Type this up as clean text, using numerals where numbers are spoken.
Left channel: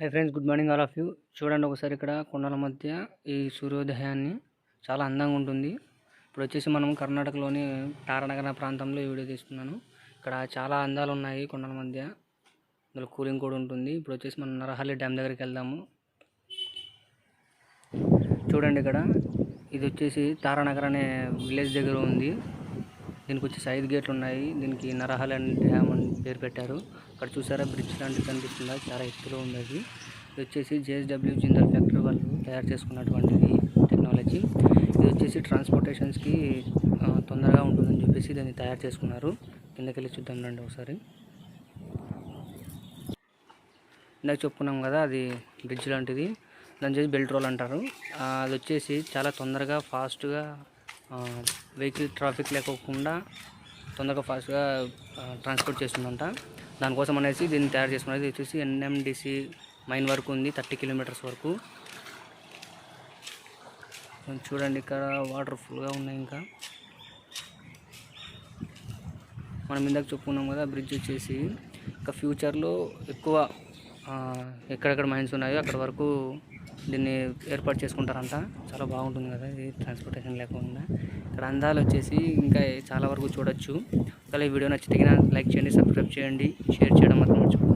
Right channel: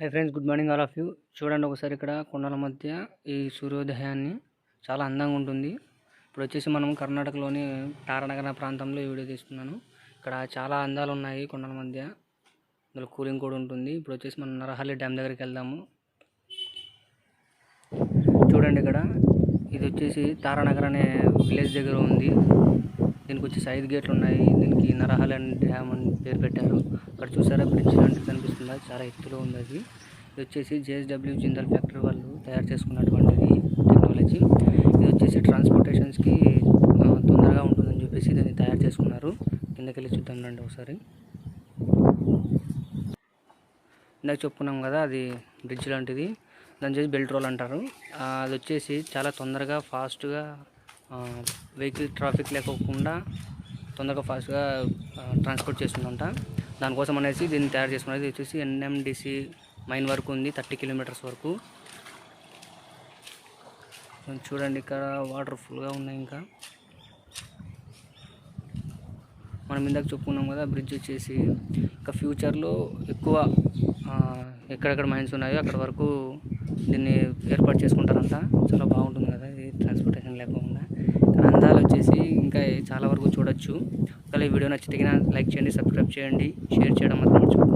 Hi friends, good morning all of you. చూడండి ఒకసారి ఇక్కడ కొండల మధ్య ఈ సూర్యోదయాన్ని చాలా అందంగా ఉంటుంది. ఇప్పుడు వచ్చేసి మనం కర్ణాటకలోని తారనగర ప్రాంతంలో ఈ వీడియో తీస్తున్నాను. ఇక్కడ చాలా అందాలు ఉన్నాయి కొండల మధ్య. ఇందులో కూలింగ్ కూడా ఉంటుంది. ఇప్పుడు వచ్చేసి మనం నరహల్లి డ్యామ్ దగ్గరికి వెళ్దాము. చూడండి ఇక్కడ ఇది వచ్చేసి తారానగర్ అనే విలేజ్ దగ్గర ఉంది. దీనికి వచ్చేసి 5 గేట్లు ఉన్నాయి. దీనికి నరహల్లి డ్యామ్ అని పేరు పెట్టారు. అక్కడ చూసారా బ్రిడ్జ్ లాంటిది కనిపిస్తుందా, చాలా ఎత్తులో ఉంది. అది వచ్చేసి జేఎస్డబ్ల్యూ జిందాల్ ఫ్యాక్టరీ వాళ్ళు తయారు చేసుకున్నటువంటిది టెక్నాలజీ. ఇది వచ్చేసి ట్రాన్స్పోర్టేషన్స్కి తొందరగా ఉంటుందని చెప్పేసి దాన్ని తయారు చేసుకున్నారు. కిందకి వెళ్ళి చూద్దాం రండి ఒకసారి. ఇందాక చెప్పుకున్నాం కదా, అది బ్రిడ్జ్ లాంటిది. దాని చేసి బెల్ట్ రోల్ అంటారు. అది వచ్చేసి చాలా తొందరగా ఫాస్ట్గా వెహికల్ ట్రాఫిక్ లేకోకుండా తొందరగా ఫాస్ట్గా ట్రాన్స్పోర్ట్ చేస్తుందంట. దానికోసం అనేసి దీన్ని తయారు చేసుకున్నది. ఇది వచ్చేసి ఎన్ఎండిసి మైన్ వరకు ఉంది, 30 కిలోమీటర్స్ వరకు. చూడండి ఇక్కడ వాటర్ ఫుల్గా ఉన్నాయి. ఇంకా మనం ఇందాక చెప్పుకున్నాం కదా, బ్రిడ్జ్ వచ్చేసి ఇంకా ఫ్యూచర్లో ఎక్కువ ఎక్కడెక్కడ మైన్స్ ఉన్నాయో అక్కడ వరకు దీన్ని ఏర్పాటు చేసుకుంటారంట. చాలా బాగుంటుంది కదా ఇది, ట్రాన్స్పోర్టేషన్ లేకుండా. ఇక్కడ అందాలు వచ్చేసి ఇంకా చాలా వరకు చూడొచ్చు. ఒకవేళ ఈ వీడియో నచ్చితే లైక్ చేయండి, సబ్స్క్రైబ్ చేయండి, షేర్ చేయడం మాత్రం మర్చిపోకండి.